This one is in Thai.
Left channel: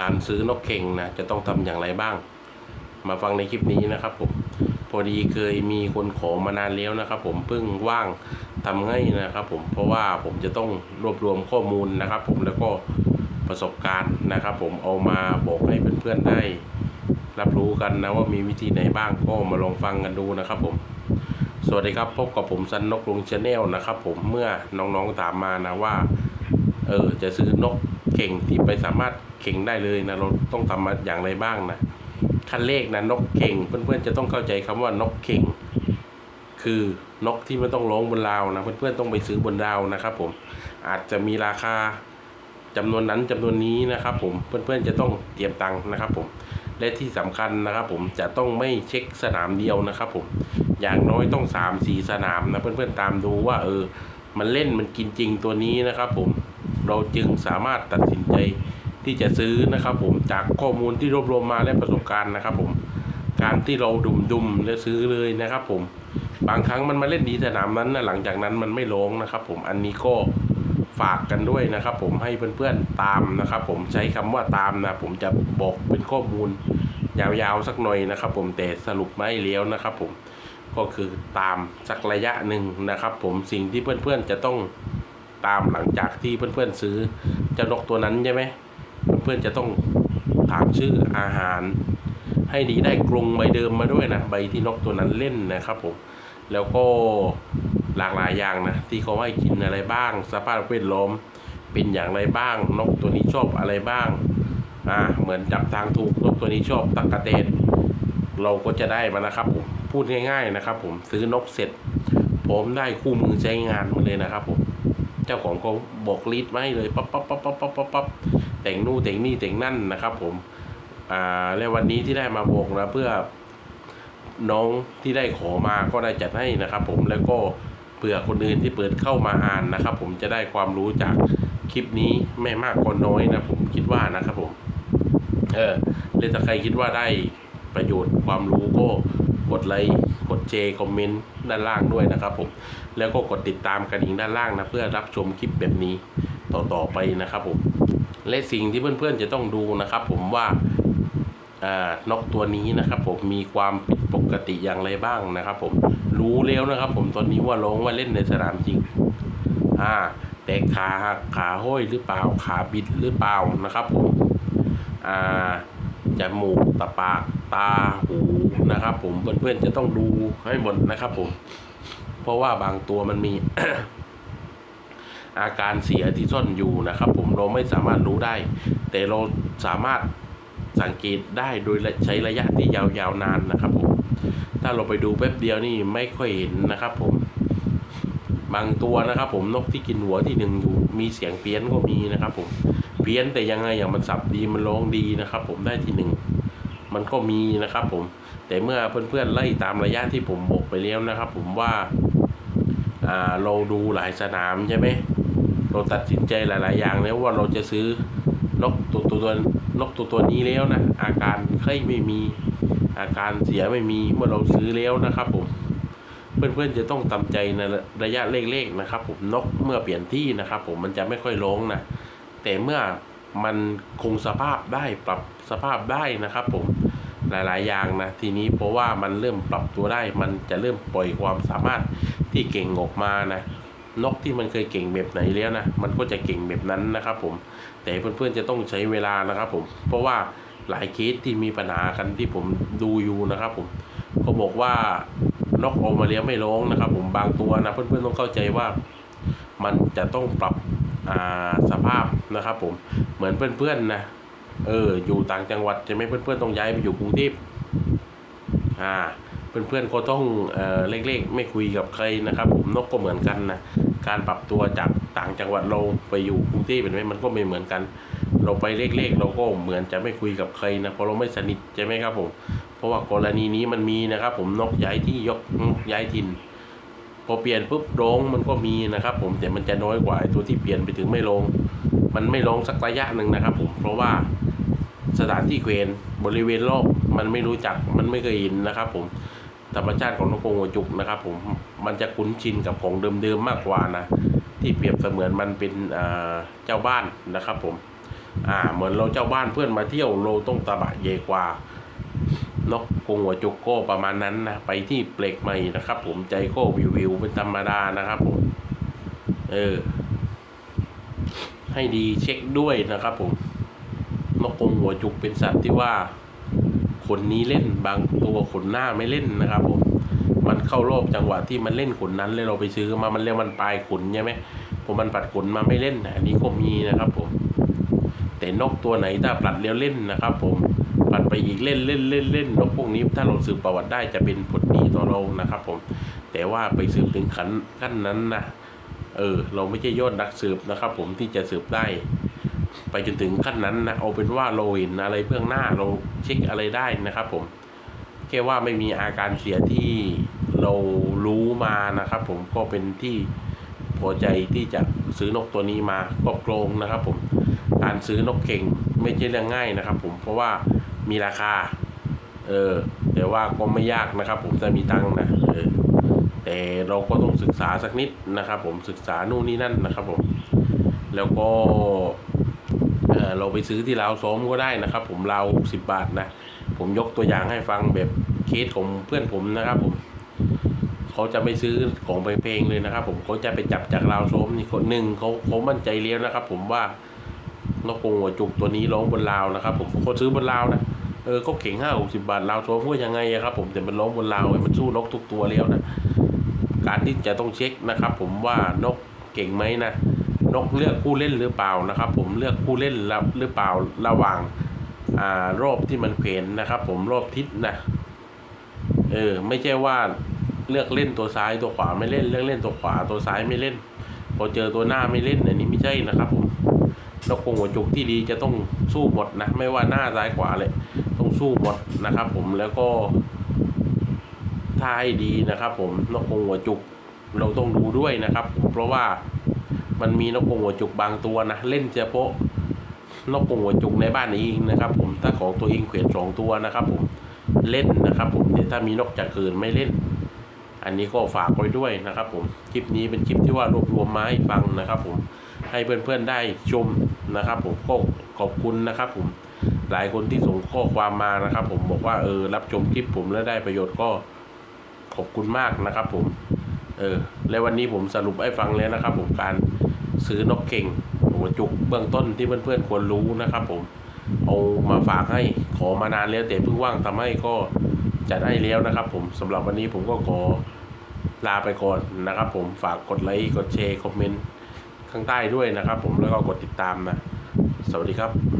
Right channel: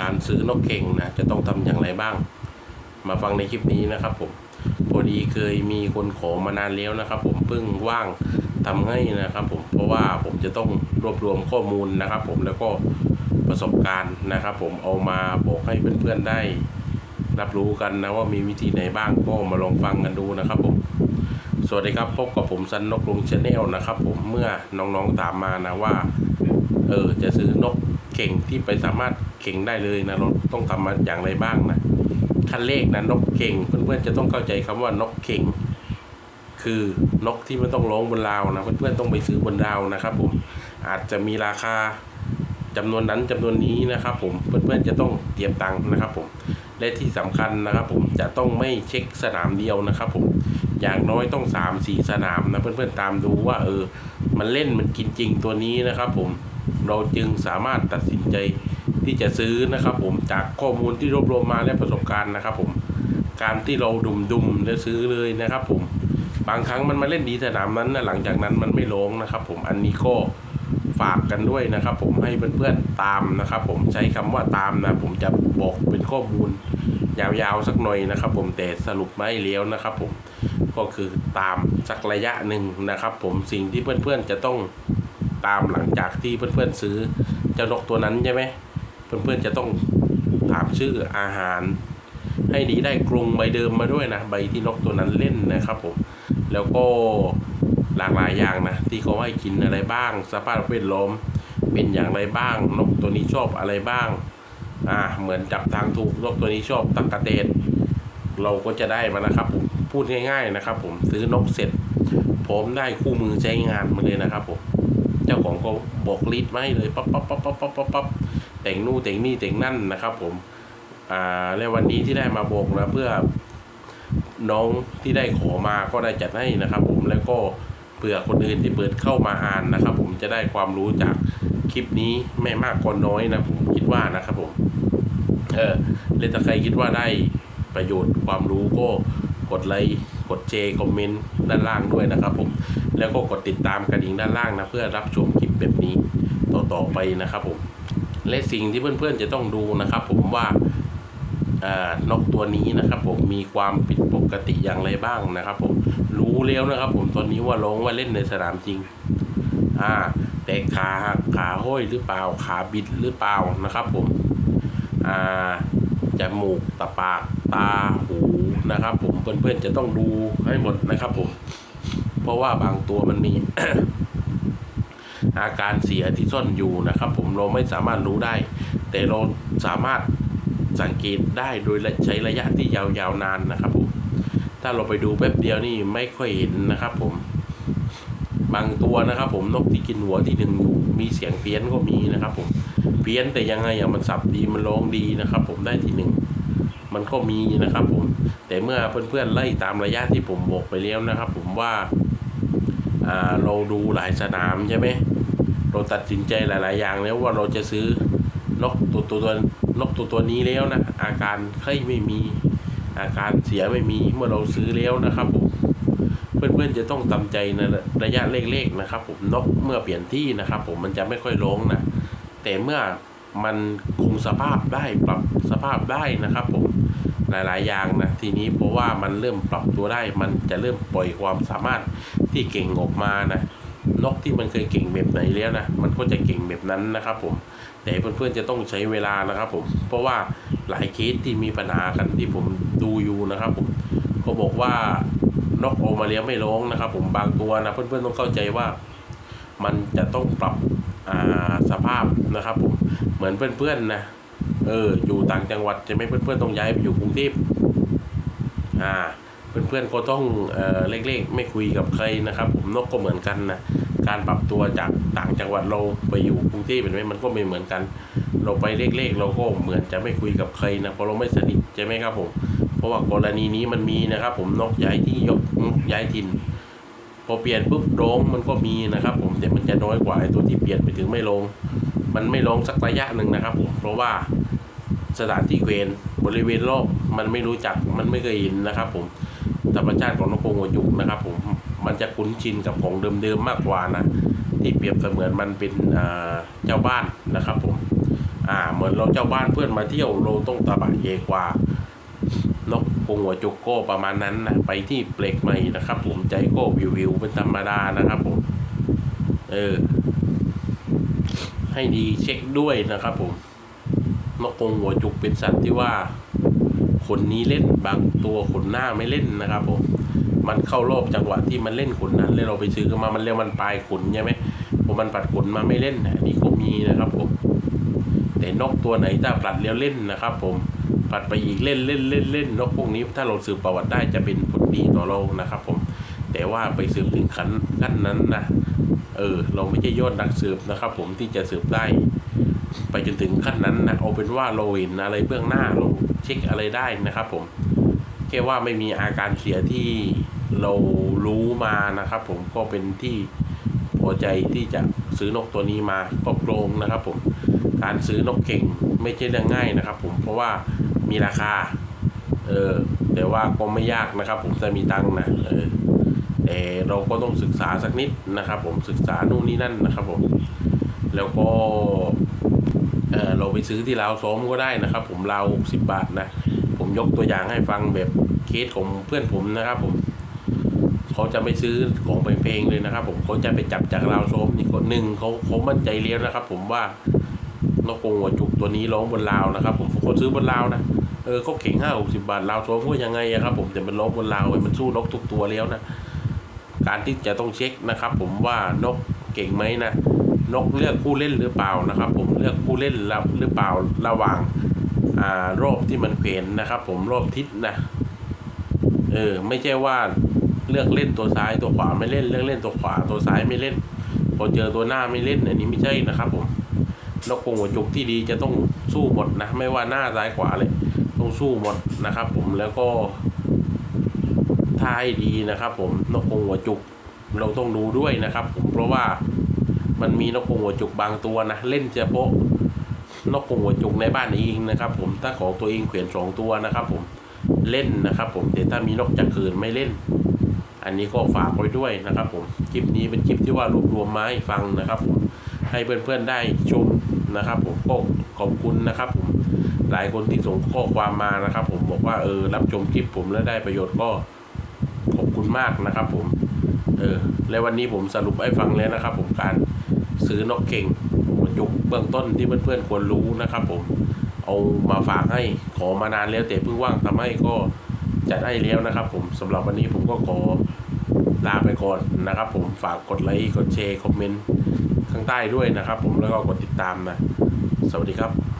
การซื้อนกเข่งนะจะต้องทำอย่างไรบ้าง มาฟังในคลิปนี้นะครับผมพอดีเคยมีคนขอมานานแล้วนะครับ ผมเพิ่งว่างทำให้นะครับ ผมเพราะว่าผมจะต้องรวบรวมข้อมูลนะครับ ผมแล้วก็ประสบการณ์นะครับ ผมเอามาบอกให้เพื่อนๆได้ รับรู้กันนะว่ามีวิธีไหนบ้างก็มาลองฟังกันดูนะครับ ผมสวัสดีครับพบกับผมซันนกลุงชาแนลนะครับ ผมเมื่อน้องๆถามมานะว่า เออจะซื้อนก เข่งที่ไปสามารถเข่งได้เลยนะเราต้องทำมาอย่างไรบ้างนะขั้นเลขนะนกเข่งเพื่อนๆจะต้องเข้าใจคำว่านกเข่ง คือนกที่ไม่ต้องร้องบนราวนะเพื่อนๆต้องไปซื้อบนราวนะครับผมอาจจะมีราคาจำนวนนั้นจำนวนนี้นะครับผมเพื่อนๆจะต้องเตรียมตังค์นะครับผมและที่สำคัญนะครับผมจะต้องไม่เช็คสนามเดียวนะครับผมอย่างน้อยต้องสามสี่สนามนะเพื่อนๆตามดูว่าเออมันเล่นมันกินจริงตัวนี้นะครับผม เราจึงสามารถตัดสินใจที่จะซื้อนะครับผมจากข้อมูลที่รวบรวมมาและประสบการณ์นะครับผมการที่เราดุมดุมๆแล้วซื้อเลยนะครับผมบางครั้งมันมาเล่นดีสนามนั้นนะหลังจากนั้นมันไม่ลงนะครับผมอันนี้ก็ฝากกันด้วยนะครับผมให้เพื่อนๆตามนะครับผมใช้คำว่าตามนะผมจะบอกเป็นข้อมูลยาวๆสักหน่อยนะครับผมแต่สรุปไม่เลี้ยวนะครับผมก็คือตามสักระยะหนึ่งนะครับผมสิ่งที่เพื่อนๆจะต้อง ตามหลังจากที่เพื่อนๆซื้อเจ้านกตัวนั้นใช่ไหมเพื่อนๆจะต้องถามชื่ออาหาร ให้ดีได้กรงใบเดิมมาด้วยนะใบที่นกตัวนั้นเล่นนะครับผมแล้วก็หลากหลายอย่างนะที่เขาให้กินอะไรบ้าง สภาพแวดล้อมเป็นอย่างไรบ้าง นกตัวนี้ชอบอะไรบ้างอ่าเหมือนจับทางถูกนกตัวนี้ชอบตักกะเตนเราก็จะได้มานะครับผมพูดง่าย ๆนะครับ ผมซื้อนกเสร็จ ผมได้คู่มือใช้งานมาเลยนะครับผม เจ้าของเขาบอกรีดมาให้เลยปั๊บปั๊บปั๊บปั๊บปั๊บปั๊บปั๊บแต่งนู่นแต่งนี่แต่งนั่นนะครับ ผมอ่าและวันนี้ที่ได้มาบอกนะเพื่อน้องที่ได้ขอมาก็ได้จัดให้นะครับ ผมแล้วก็เผื่อคนอื่นที่เปิดเข้ามาอ่านนะครับ ผมจะได้ความรู้จากคลิปนี้ไม่มากก็น้อยนะผมคิดว่านะครับผม เออแล้วถ้าใครคิดว่าได้ ประโยชน์ความรู้ก็กดไลค์กดแชร์คอมเมนต์ด้านล่างด้วยนะครับผมแล้วก็กดติดตามกันอีกด้านล่างนะเพื่อรับชมคลิปแบบนี้ต่อๆไปนะครับผมและสิ่งที่เพื่อนๆจะต้องดูนะครับ ผมว่าอ่านกตัวนี้นะครับ ผมมีความผิดปกติอย่างไรบ้างนะครับ ผมรู้แล้วนะครับ ผมตอนนี้ว่าลงว่าเล่นในสนามจริงอ่าแต่ขาหักขาห้อยหรือเปล่าขาบิดหรือเปล่านะครับ ผมอ่าจมูกตาปากตาหูนะครับ ผมเพื่อนๆจะต้องดูให้หมดนะครับ ผม เพราะว่าบางตัวมันมี อาการเสียที่ซ่อนอยู่นะครับ ผมเราไม่สามารถรู้ได้ แต่เราสามารถสังเกตได้โดยใช้ระยะที่ยาวๆนานนะครับ ผม ถ้าเราไปดูแป๊บเดียวนี่ไม่ค่อยเห็นนะครับ ผมบางตัวนะครับ ผมนกที่กินหัวที่หนึ่งอยู่มีเสียงเพี้ยนก็มีนะครับ ผมเพี้ยนแต่ยังไงอย่างมันสับดีมันร้องดีนะครับ ผมได้ที่หนึ่ง มันก็มีนะครับผมแต่เมื่อเพื่อนๆไล่ตามระยะที่ผมบอกไปแล้วนะครับ ผมว่าอ่าเราดูหลายสนามใช่ไหมเราตัดสินใจหลาย ๆ อย่างแล้วว่าเราจะซื้อนกตัวตัวตัวนกตัวตัวนี้แล้วนะอาการไข้ไม่มีอาการเสียไม่มีเมื่อเราซื้อแล้วนะครับผมเพื่อนๆจะต้องทำใจในระยะเล็กๆนะครับ ผมนกเมื่อเปลี่ยนที่นะครับ ผมมันจะไม่ค่อยร้องนะแต่เมื่อ มันคงสภาพได้ปรับสภาพได้นะครับผมหลาย ๆ อย่างนะทีนี้เพราะว่ามันเริ่มปรับตัวได้ มันจะเริ่มปล่อยความสามารถที่เก่งออกมานะนกที่มันเคยเก่งแบบไหนแล้วนะมันก็จะเก่งแบบนั้นนะครับผมแต่เพื่อนๆจะต้องใช้เวลานะครับผมเพราะว่าหลายเคสที่มีปัญหากันที่ผมดูอยู่นะครับผมเขาบอกว่านกออกมาเลี้ยงไม่ร้องนะครับ ผมบางตัวนะเพื่อนๆต้องเข้าใจว่า มันจะต้องปรับสภาพนะครับผม เหมือนเพื่อนๆนะเออ อยู่ต่างจังหวัดจะไม่เพื่อนๆต้องย้ายไปอยู่กรุงเทพอ่า เพื่อนๆก็ต้องเออเล็กๆ ไม่คุยกับใครนะครับ ผมนกก็เหมือนกันนะการปรับตัวจากต่างจังหวัดเราไปอยู่กรุงเทพเป็นไหมมันก็ไม่เหมือนกัน เราไปเล็กๆ เราก็เหมือนจะไม่คุยกับใครนะเพราะเราไม่สนิทใช่ไหมครับผม เพราะว่ากรณีนี้มันมีนะครับ ผมนกย้ายที่ยกนกย้ายถิ่นพอเปลี่ยนปุ๊บร้องมันก็มีนะครับ ผมแต่มันจะน้อยกว่าไอ้ตัวที่เปลี่ยนไปถึงไม่ลง มันไม่ลงสักระยะหนึ่งนะครับผมเพราะว่าสถานที่เกวนบริเวณรอบมันไม่รู้จักมันไม่เคยเห็นนะครับ ผมธรรมชาติของนกกรงหัวจุกนะครับ ผมมันจะคุ้นชินกับของเดิมๆมากกว่านะที่เปรียบเสมือนมันเป็นเจ้าบ้านนะครับ ผมอ่าเหมือนเราเจ้าบ้านเพื่อนมาเที่ยวเราต้องตะบะเยกว่านกกงหัวจุกโก้ประมาณนั้นนะไปที่เปลกใหม่นะครับ ผมใจโก้วิววิวเป็นธรรมดานะครับ ผม เออ ให้ดีเช็คด้วยนะครับผมนกกงหัวจุกเป็นสัตว์ที่ว่าขนนี้เล่นบางตัวขนหน้าไม่เล่นนะครับผมมันเข้ารอบจังหวะที่มันเล่นขนนั้นเลยเราไปซื้อมามันเรียกมันปลายขนใช่ไหมพอมันปัดขนมาไม่เล่นอันนี้ก็มีนะครับผม แต่นกตัวไหนถ้าปลัดแล้วเล่นนะครับ ผมปลัดไปอีกเล่นเล่นเล่นเล่นนกพวกนี้ถ้าเราสืบประวัติได้จะเป็นผลดีต่อเรานะครับ ผมแต่ว่าไปสืบถึงขั้นขั้นนั้นนะ เออ เราไม่ใช่ยอดนักสืบนะครับ ผมที่จะสืบได้ ไปจนถึงขั้นนั้นนะเอาเป็นว่าเราเห็นอะไรเบื้องหน้าเราเช็คอะไรได้นะครับ ผมแค่ว่าไม่มีอาการเสียที่เรารู้มานะครับ ผมก็เป็นที่พอใจที่จะซื้อนกตัวนี้มาครอบครงนะครับ ผมการซื้อนกเก่งไม่ใช่เรื่องง่ายนะครับ ผมเพราะว่ามีราคา เออแต่ว่าก็ไม่ยากนะครับ ผมจะมีตังค์นะเออ แต่เราก็ต้องศึกษาสักนิดนะครับ ผมศึกษานู่นนี่นั่นนะครับผมแล้วก็เเราไปซื้อที่ลาวซ้อมก็ได้นะครับ ผมลาวสิบบาทนะผมยกตัวอย่างให้ฟังแบบเคสของเพื่อนผมนะครับ ผมเขาจะไม่ซื้อของเพลงๆเลยนะครับ ผมเขาจะไปจับจากลาวซ้อมนี่คนหนึ่งเขาเขามั่นใจเลี้ยวนะครับ ผมว่านกกงหัวจุกตัวนี้ร้องบนลาวนะครับ ผมเขาซื้อบนลาวนะเออเขาเข่งห้าหกสิบาทลาวซ้อมก็ยังไงครับ ผมแต่มันร้องบนลาวมันสู้นกทุกตัวแล้วนะ การที่จะต้องเช็คนะครับ ผมว่านกเก่งไหมนะนกเลือกผู้เล่นหรือเปล่านะครับ ผมเลือกผู้เล่นหรือเปล่าระหว่างอ่ารอบที่มันเขวนนะครับ ผมรอบทิศนะเออไม่ใช่ว่าเลือกเล่นตัวซ้ายตัวขวาไม่เล่นเลือกเล่นตัวขวาตัวซ้ายไม่เล่น พอเจอตัวหน้าไม่เล่นอันนี้ไม่ใช่นะครับ ผมนกกงหัวจุกที่ดีจะต้องสู้หมดนะ ไม่ว่าหน้าซ้ายขวาเลยต้องสู้หมดนะครับ ผมแล้วก็ ถ้าให้ดีนะครับ ผมนกกรงหัวจุกเราต้องดูด้วยนะครับ ผมเพราะว่ามันมีนกกรงหัวจุกบางตัวนะเล่นเฉพาะนกกรงหัวจุกในบ้านเองนะครับ ผมถ้าของตัวเองเขียนสองตัวนะครับ ผมเล่นนะครับ ผมแต่ถ้ามีนกจากคืนไม่เล่น อันนี้ก็ฝากไว้ด้วยนะครับ ผมคลิปนี้เป็นคลิปที่ว่ารวบรวมมาให้ฟังนะครับ ผมให้เพื่อนๆได้ชมนะครับ ผมก็ขอบคุณนะครับ ผมหลายคนที่ส่งข้อความมานะครับ ผมบอกว่าเออรับชมคลิปผมแล้วได้ประโยชน์ก็ ขอบคุณมากนะครับผม เออ และวันนี้ผมสรุปให้ฟังแล้วนะครับ ผมการซื้อนกเก่งหัวจุกเบื้องต้นที่เพื่อนๆควรรู้นะครับ ผม เอามาฝากให้ขอมานานแล้วแต่เพิ่งว่างทำให้ก็จัดให้แล้วนะครับ ผมสำหรับวันนี้ผมก็ขอลาไปก่อนนะครับ ผมฝากกดไลค์กดแชร์คอมเมนต์ข้างใต้ด้วยนะครับ ผมแล้วก็กดติดตามนะ สวัสดีครับ